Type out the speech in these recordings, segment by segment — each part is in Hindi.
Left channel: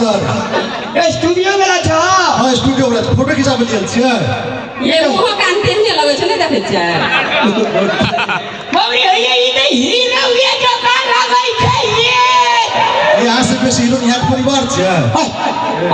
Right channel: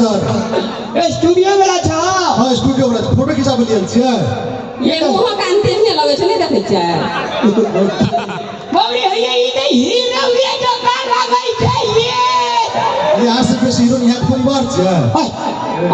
नमस्कार स्टूडियो में छ हां स्टूडियो में फोटो खिचाबे लेल छियै ये मुंह कान तेहने लगे छै नै देखै छियै बाबरी होइए ई त हीरो ये जका लागै छै ये यहाँ से बेसी हीरो यहाँ के परिवार छै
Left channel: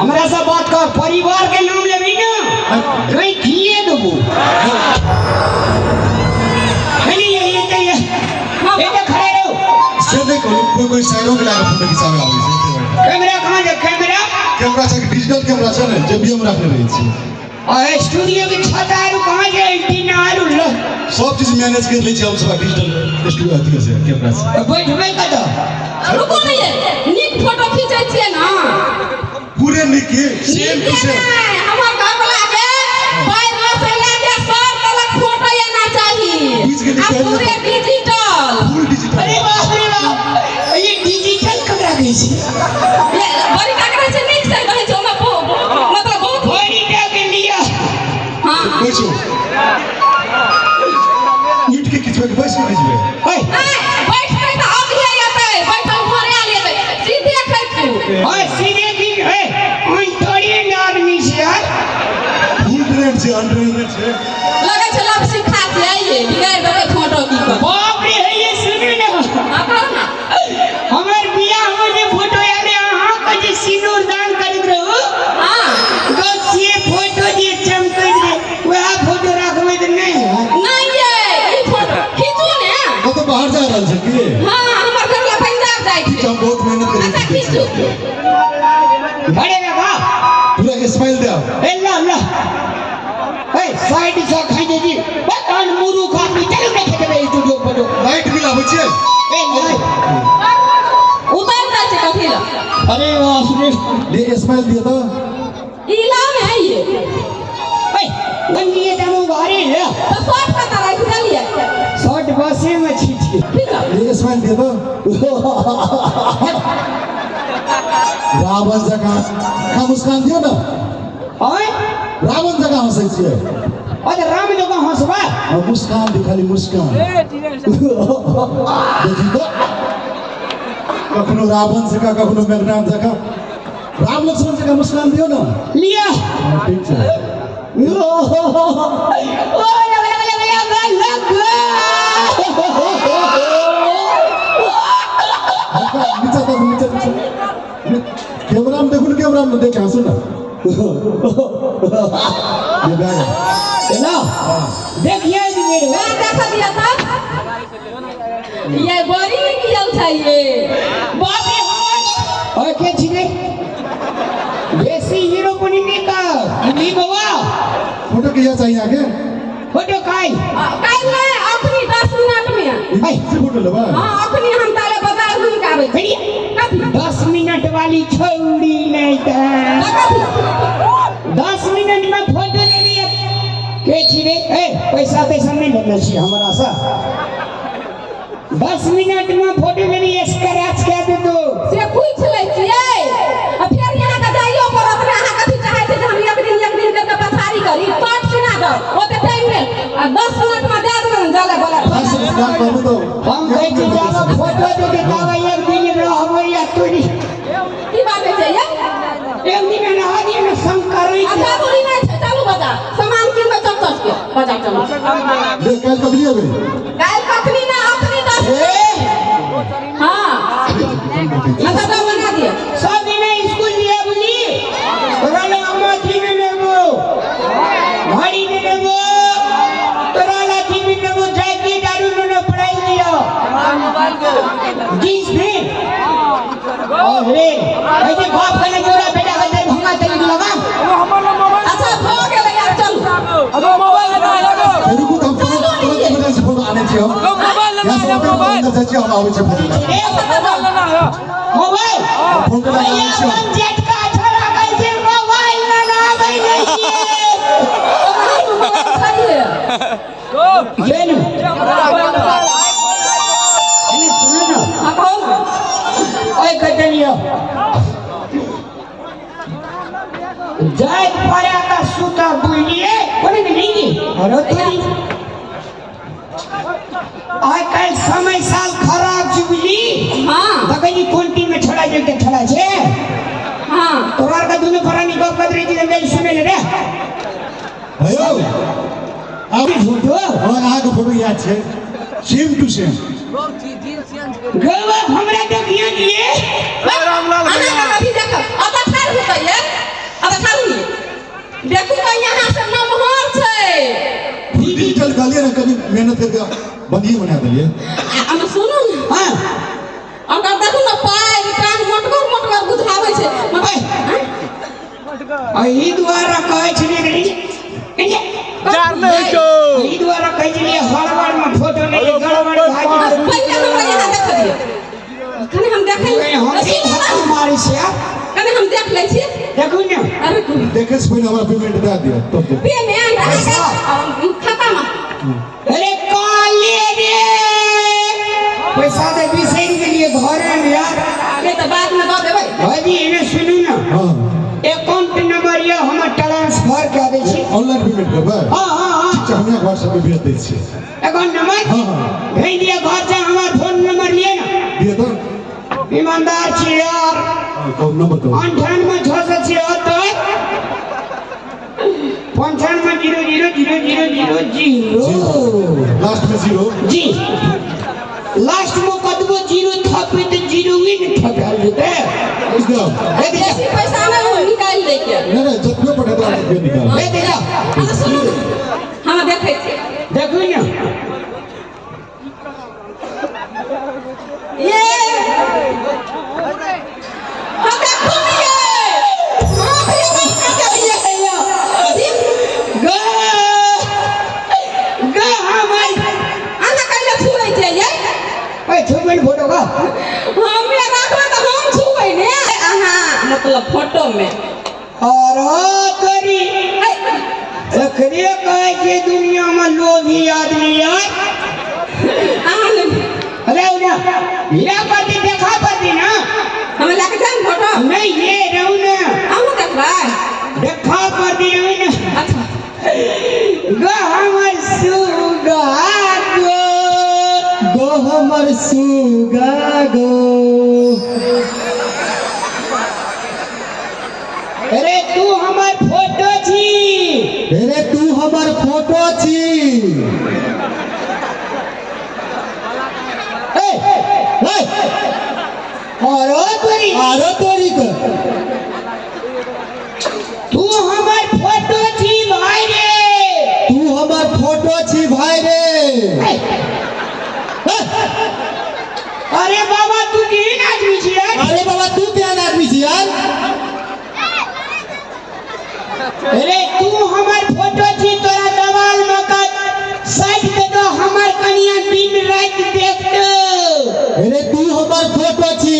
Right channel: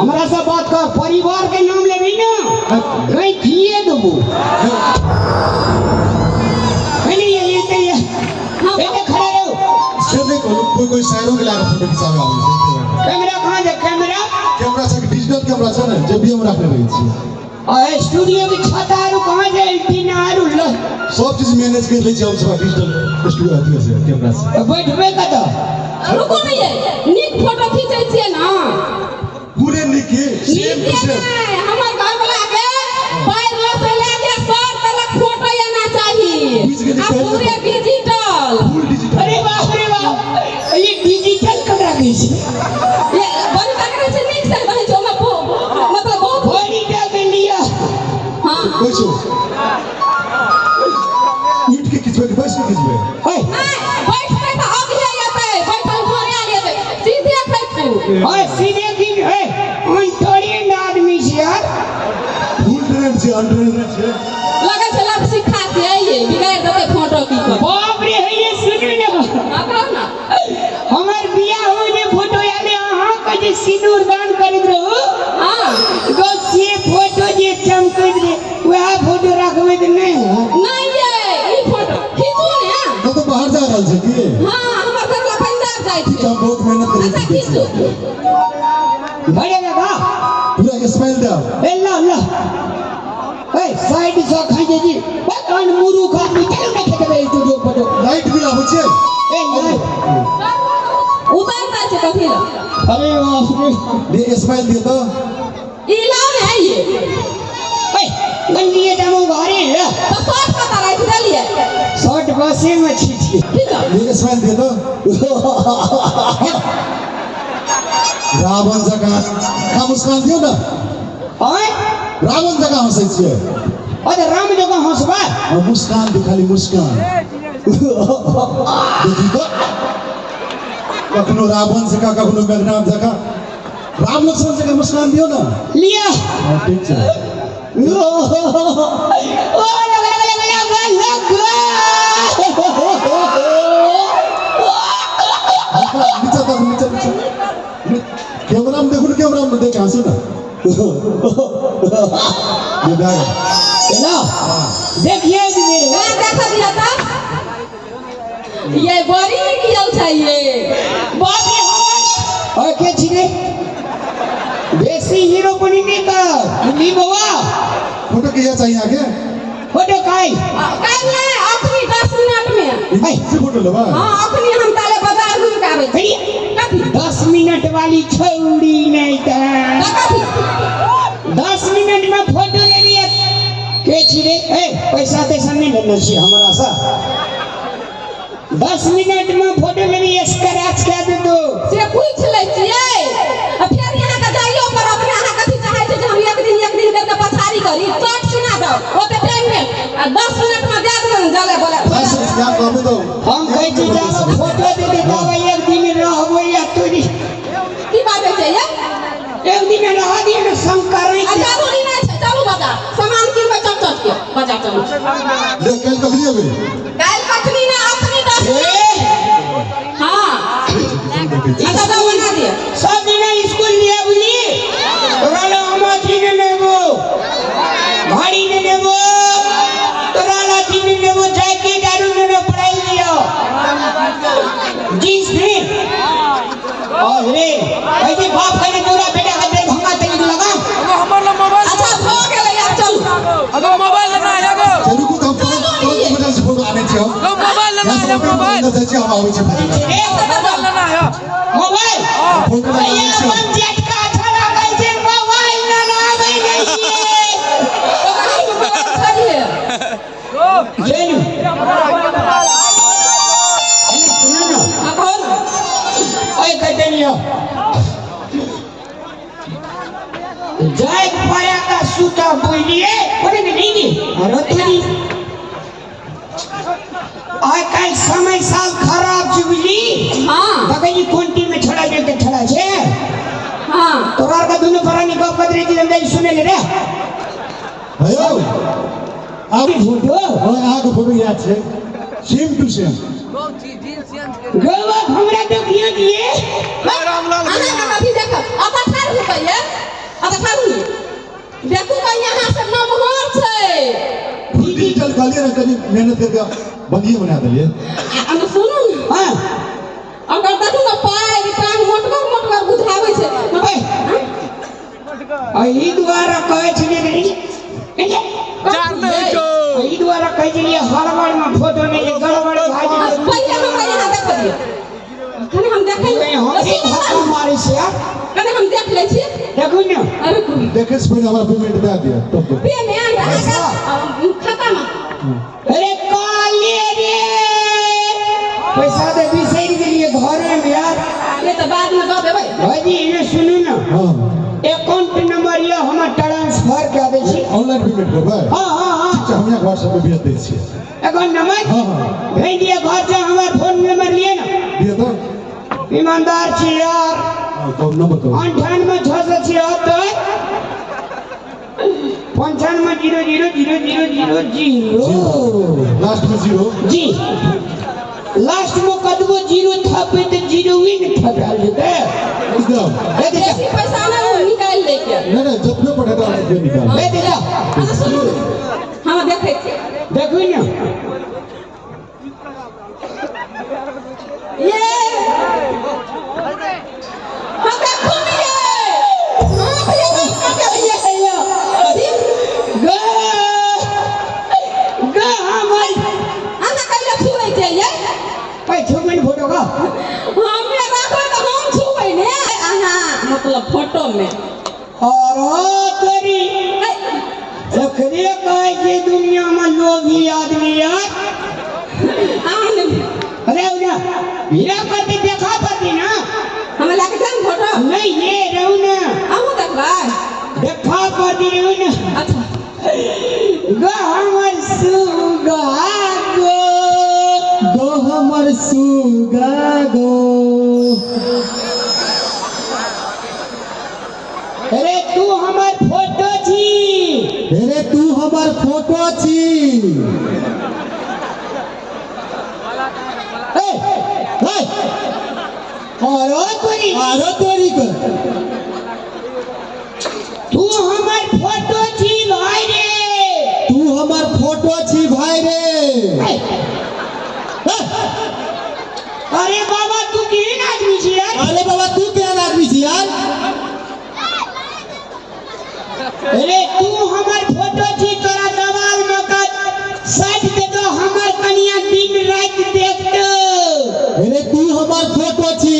हमरा से बात कर परिवार के नाम लेबी ना गई खिए देबो नहीं ये खड़ा रहो से नहीं कहू कोई शायरों के लागे फोटो खिचाबे आबै छै कैमरा कहां है कैमरा से डिजिटल कैमरा छै ने जे भी हम रखने रही छी आ स्टूडियो के छतारू कहां है एंटीना आरू लो सब चीज मैनेज कर लै छी हम सब डिजिटल स्टूडियो अथी से कैमरा से बैठबे कत रुको नहीं है नीक फोटो खींचै छियै ना पूरे नीक सेम टू सेम हमर घर वाला के पैर से लेके सर तक फोटो आना चाहिए आ पूरे डिजिटल फुल डिजिटल अरे बाप रे बाप ये डिजिटल कैमरा गई छै ये बड़ी का करे छै नीक से कहै छै मतलब बहुत बड़ी टा के लिया हां बैठो नीट के किछो के बैठ के खिचबे ओए नहीं बैठ के तो अब ही आते बैठल घरे आ लेते सीधे खैतू हां सीधे की है अंतरिन आदमी छै यार फुल ट्रेंड से अंडरट्रेंड से लगे छै लब सिखा के आइए बिगाड़ देबै फोटो की कर बाप रे है ये सुने ना हां कहो ना हमर बियाह हो जे फोटो आले अहाँ के जे सिंदूर दान करैत रहू हां तो से फोटो जे चमकैत रहे वह फोटो रखबै त नहीं नहीं ये ई फोटो खींचू ने वो तो बाहर जा रहल छै की हां हमर घर वाला पंजाब जाय छै हम बहुत मेहनत करै अच्छा छी खींचू बड़े लगा पूरा स्माइल दे ए ला ला ए साइड से खाई दे दी बटन मुरु खा मी चल के देबे स्टूडियो फोटो लाइट मिला होइ छै ए नहीं उतार दै छै कथि ला अरे बाप रे ले स्माइल दिए तो ई लाल है ये ए बंदिए जानो घरे है तो शॉर्ट का रख देलिए शॉर्ट बसे में छी ठीक है ले स्माइल दिए तो रावण जका का मुस्कान दियो ना ओए रावण जका हंसै छियै अरे राम जगह हंसबा और मुस्कान भी खाली मुस्कान देखी तो कखनो रावण जका कखनो मेघनाथ जका राम लक्ष्मण जका मुस्कान दियो ना लिया ठीक छै ओ लग नीचे कैमरा में देखो कैमरा में देख हंसो ना ये गाय चलो देखिए मेरे मैं देखा दिया था ये बड़ी किया चाहिए बाप रे और के छिने देसी हीरो बनी नहीं कर ली बाबा फोटो किया चाहिए आगे फोटो काई कल है अपनी 10 मिनट में आई से फोटो लेबा हां अपनी हम ताले बाजार घूम के आवे छी कथि 10 मिनट वाली छौड़ी नहीं था कथि 10 मिनट में फोटो ले लिए के छिरे ए पैसा तैसा नहीं लेना छी हमरा सा 10 मिनट में फोटो ले लिए स्क्रैच कर दे दो से पूछ ले छियै आ फिर यहां का जाइयो पर अपने अहाँ कथि चाहै छै जे हम एक दिन करके पछाड़ी करी शॉर्ट सुना दो ओते टाइम में आ 10 मिनट में दे देबन जाले बोला ऐसे क्या कहबे तो हम कहै छी जानो फोटो दे दे तब एक दिन रहबै या तोरी की बात है ये एक दिन रह दिए ना शंकर अच्छा दूरी नहीं है चलो बाजार सामान किन के चल के बाजार चलो ले कल कब लिए बे गाय कखनी ना अपनी 10 हां अच्छा तो बना दिया सब दिन स्कूल लिया बुली तोराला अमाथी ने लेबो घड़ी ने लेबो तोराला तीन ने लेबो जैकेट आरु ने पढ़ाई लियो जींस ने अरे ऐसे बाप कहने तोरा बेटा का दे भंगा चली लगा अच्छा हो गेल यार चलो अब मोबाइल लेना है गो चलू को हम फोटो से फोटो आने छी हम मोबाइल लेना यहाँ से फोटो जाय छी हम आबै छी फोटो मोबाइल लेना है मोबाइल फोटो भैया आबै छी अपन जेट का अच्छा लागै छै मोबाइल लेना आबै सही है चलू सुनो ना हां कहो ना ओए कटलिया जाय पाया का सूता बोलिए कोने नहीं अरे तेरी आजकल समय साल खराब जुबली हां बगली कोंटी में छड़ा जलते छड़ा छे हां भयो अब फोटो और आगे फोटो याद छे सेम टू सेम गवा हमरा देखिए दिए रामलाल आना भैया अभी देखो अब ठाड़ होता है अब ठाड़ नहीं देखो तो यहाँ से नमहर छे डिजिटल गाली ना कभी मेहनत करके बढ़िया बना दिए अब सुनो ना हां अब देखो ना पाए कान मोटगर बुझावे छे ई द्वारा कहै छली रे चार नहीं तो ई द्वारा कहै छली हड़बड़ में फोटो नहीं गड़बड़ भाजी पहले हमरा यहाँ देख दिए कने हम देखे हम मारी से कने हम देख ले छी देखू ना अरे तू देखे से पहले हमारा पेमेंट दे दिया तब तो पेमेंट खाता में अरे काले रे पैसा दे बिसैर गेलिए घरे में यार अरे तो बाद में दे देबै भाजी इने सुनू ना हां अकाउंट नंबर ये हम ट्रांसफर कर दे छी ऑनलाइन पेमेंट करबे हां अच्छा हम व्हाट्सएप पे भेज दै छी अकाउंट नंबर हां भेज दिया घर से हमारा फोन नंबर लिए ना दिए तो ईमानदार छी यार अकाउंट नंबर तो 98 676 लास्ट में 0 जी लास्ट में कदबो 0 था पे तो 0 ही नहीं था डाल देते एकदम जैसी पैसा ना वो निकाल लेके नहीं जितने पड़े तो आपको निकाल दे देगा हम सुनो हम देखे छी देखो ना ये हम देखो ये हां भैया क्या ये है यो गा गा हमारी आना कइले छुई छे ये पे छुबन फोटो का हम ये राखबे तो हम छुई ने आना मतलब फोटो में और तोरी अखरे कहे के दुनिया में लोभी आदमी यार आने अरे ना हीरा पति देखा पति ना हम लेके जाम फोटो नहीं ये रहू ना हम देखबा देखा पति रहू ना अच्छा गा हमर सुगा गो हमर सुगा गो अरे तू हमर फोटो छी अरे तू हमर फोटो छी ए और तोरी आरो तोरी के तू हमर फोटो छी भाई रे तू हमर फोटो छी भाई रे अरे बाबा तू केहन आदमी छी यार अरे बाबा तू केहन आदमी छी यार अरे तू हमर फोटो छी तोरा दवाल में का साइड के तो हमर कनिया दिन रात देखतो अरे तू हमर फोटो छी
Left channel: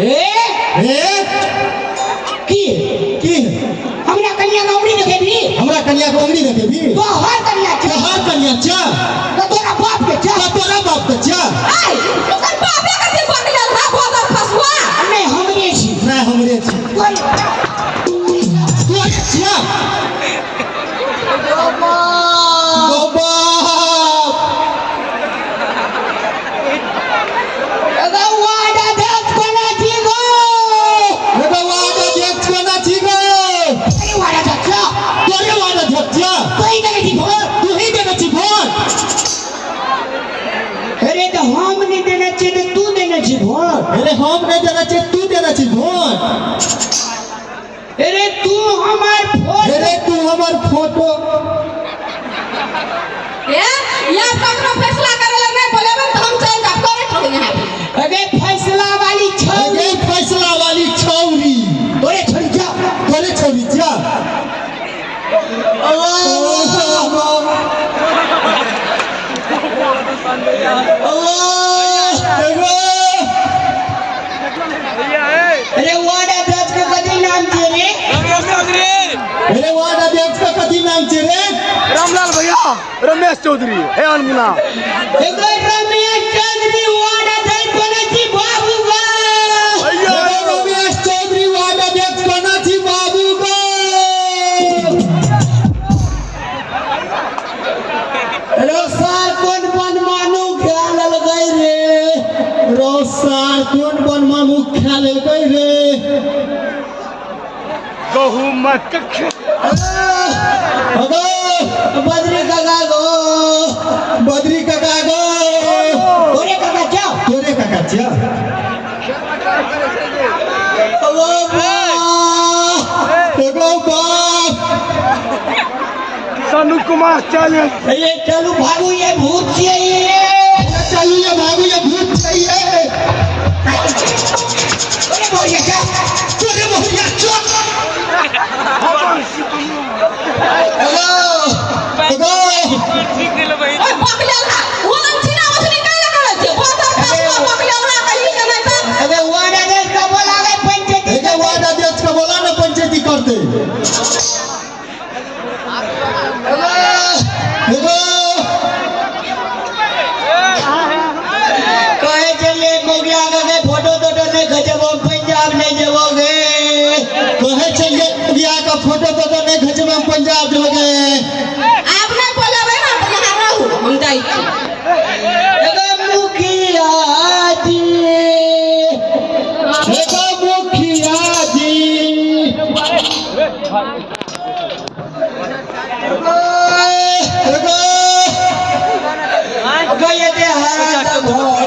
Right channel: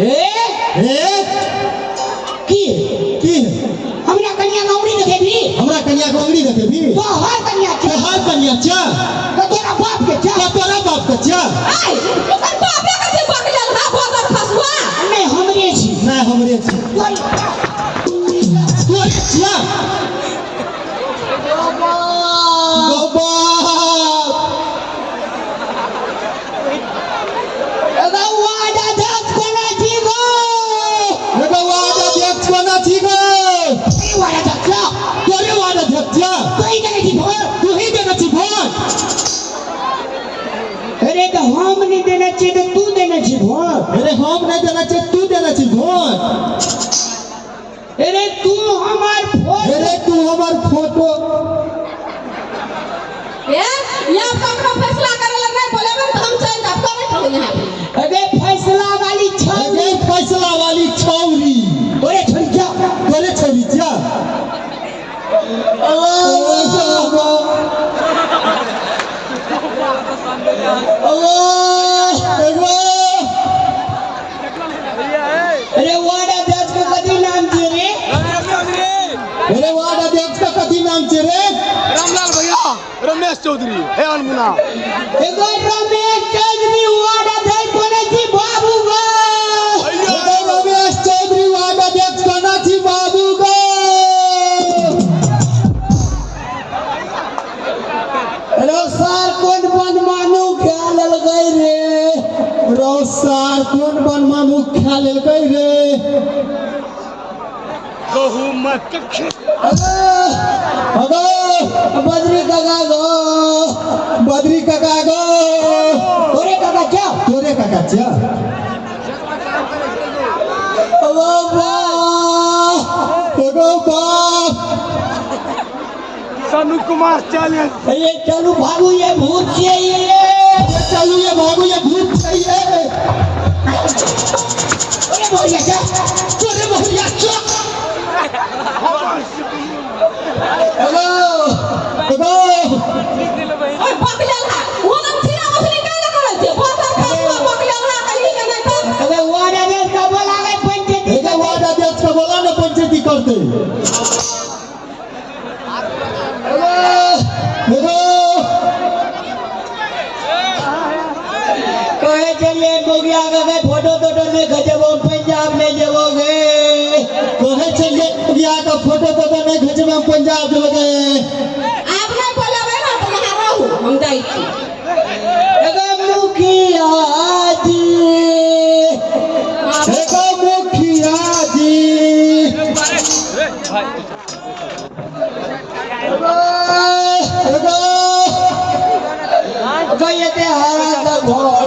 ए की की हमरा कनिया गौरी देखेबी हमरा कन्या को अंगड़ी देखेबी तो हर कनिया तो छ हर कन्या चा तो तोरा बाप के छ तो तोरा बाप का चा आई ओकर बापे के जे बन गेल हा बोदर फसवा नहीं हमरे छी नहीं हमरे छी तू चा बाबा अगर वादा देख कोना छी गो रे वादा देख कोना छी गो वादा देख तोरे वादा देख चा कोई नहीं छी भोर तू ही देना छी भोट अरे तो हम नहीं देना चाहिए तो तू देना छी भोर अरे हम नहीं देना चाहिए तू देना छी भोट अरे तू हमार फोटो अरे तू हमर फोटो ए या ककरो फैसला करे लग नहीं बोले तो हम चल जाब करे थोड़ी यहाँ अरे फैसला वाली छौरी अरे फैसला वाली छौरी तोरे छोड़ जा तोरे छौरी चा अरे वाड़ा दस का कदी नाम छे रे अरे वार्ड अध्यक्ष का कथी नाम छे रे रामलाल भैया रमेश चौधरी हे अनमुना एगो रमेश चौधरी वाड़ा दस कोना छी बाबू गो एगो रमेश चौधरी वार्ड अध्यक्ष कोना छी बाबू गो रोसार कोन बन मानू ख्याल गई रे रोसार कोन बन मामू ख्याल गई रे गहूँ मत अगो बद्री काका गो बद्री काका गो तोरे काका क्या तोरे काकाच्या अगो अगो बाप सनु कुमार चैलेंज ये चलू भागू ये भूत चाहिए चालू ये भागो ये भूत चाहिए अरे बोलिए क्या तोरे मोहरिया चोक अगो अगो ओए बकलेला ओला छिना मछली काला करे छे बोतर पास बकलेला कहीं के नहीं था अबे वाडा देश का बोला गए पंचायती हे वादा देश का बोला ना पंचायती करते अगो कहे चले गोगिया गए फोटो तो नहीं खचबो पंजाब ले जाओगे कहे चलिए बिया का फोटो तो नहीं खींचना पंजाब जोगे आप नहीं बोलावे ना तो यहां रहू हम जाई छी अगो मुखिया जी देखो मुखिया जी देखो अबे ये ते हरा दा घोड़ा